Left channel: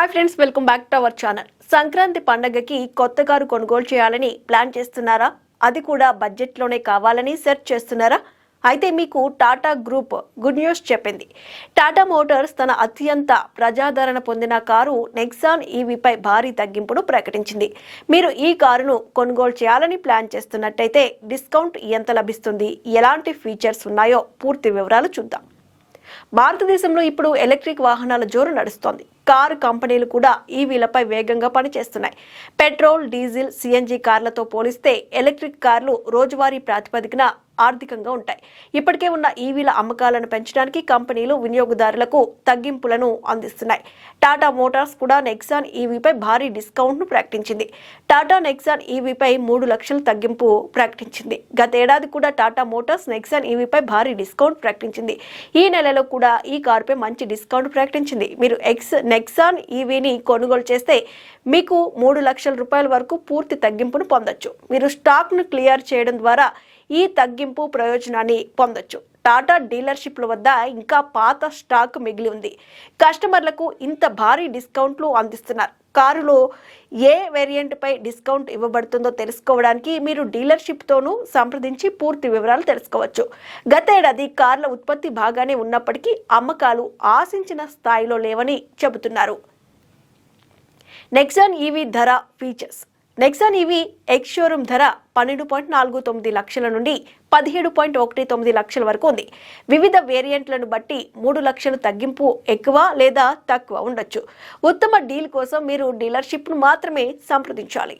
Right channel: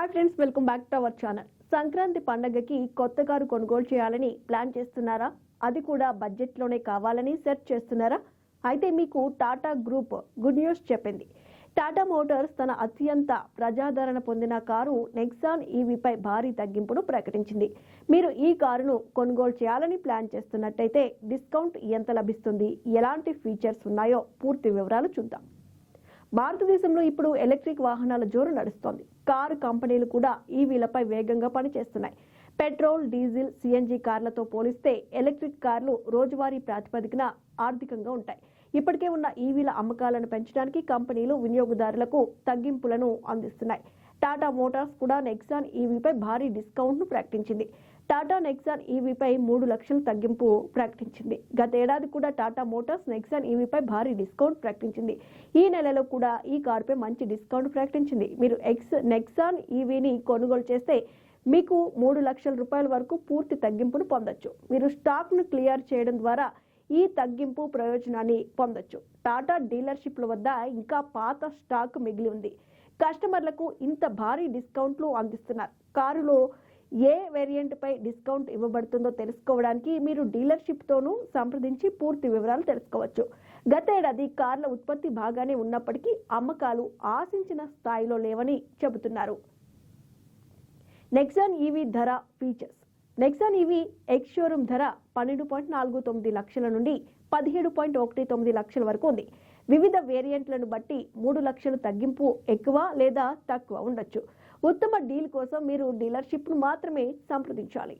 Hi friends, welcome back to our channel. Sankranti పండగకి కొత్త car కొనుగోలు చేయాలని ప్లాన్ చేస్తున్నారా? అది కూడా బడ్జెట్లోనే కావాలని సెర్చ్ చేస్తున్నారా? అయితే మీకు టాటా గ్రూప్ గుడ్ న్యూస్ చెప్పింది. టాటా మోటార్స్ తన అత్యంత ప్రజాదరణ పొందిన కారు నెక్సాన్ ఈవీపై భారీ తగ్గింపును ప్రకటించింది. మీరు ఈ కారును కొనుగోలు చేయాలని ప్లాన్ చేస్తున్నట్టయితే డిస్కౌంట్ ఎంత లభిస్తుంది, ఎలాంటి ఫీచర్స్ ఉన్నాయో పూర్తి వివరాలు చూద్దాం. భారతదేశంలో ఇప్పుడు ఎలక్ట్రిక్ వాహనాల జోరు నడుస్తోంది. కారు కంపెనీలు కూడా ఈవీలపై వేగంగా పనిచేస్తున్నాయి. పెట్రోల్, డీజిల్, సిఎన్జి కార్లతో పోలిస్తే ఎలక్ట్రిక్ కార్లు రోజువారీ ప్రాతిపదికన ఆర్థికంగా ఉంటాయి. ఇప్పటికే ఉన్న ఈవీల అమ్మకాలను పెంచడానికి కంపెనీలు వినియోగదారులకు తగ్గింపులను అందిస్తున్నాయి. టాటా మోటార్స్ కూడా నెక్సాన్ ఈవీపై భారీ డిస్కౌంట్ను ప్రకటించింది. టాటా నెక్సాన్ ఈవీపై 3 లక్షల తగ్గింపు ప్రకటించింది. గతేడాది కూడా టాటా మోటార్స్ నెక్సాన్ ఈవీపై భారీ డిస్కౌంట్ ప్రకటించింది. ఈ నెలలో కూడా ఈ కారుపై మంచి డిస్కౌంట్ ప్రకటించింది. మీరు నెక్సాన్ ఈవీని కొనుగోలు చేస్తే మీకు 3 లక్షల రూపాయల వరకు పూర్తి తగ్గింపును పొందొచ్చు. మీరు స్టాక్ను క్లియర్ చేయడం ద్వారా ఈ తగ్గింపు ప్రయోజనాన్ని పొందొచ్చు. టాటా డీలర్షిప్ల వద్ద ఇంకా పాత స్టాక్ మిగిలి ఉంది. కస్టమర్లకు ఇంత భారీ డిస్కౌంట్లు అందిస్తున్నారు. కారులో ఏ వేరియంట్పై డిస్కౌంట్ ఇవ్వబడుతుందో తెలుసుకోవడానికి మీరు డీలర్షిప్తోనూ సంప్రదించి పూర్తి వివరాలు తెలుసుకోవచ్చు. గతేడాది కార్ల ఉత్పత్తి బాగానే ఉన్నప్పటికీ అమ్మకాలు ఆశించిన స్థాయిలో లేవని చెబుతున్నారు. నెక్సాన్ ఈవీ ధర, features. Nexon EV ex showroom ధర 12.49 లక్షల నుండి 17.19 లక్షల వరకు ఉంది. వివిధ వేరియంట్లను బట్టి 3 లక్షలు తగ్గింపు ఎక్కువ లేదా తక్కువ ఉండొచ్చు. ఉత్తమ డీల్ కోసం మీరు డీలర్షిప్ను మాత్రమే సంప్రదించాలి.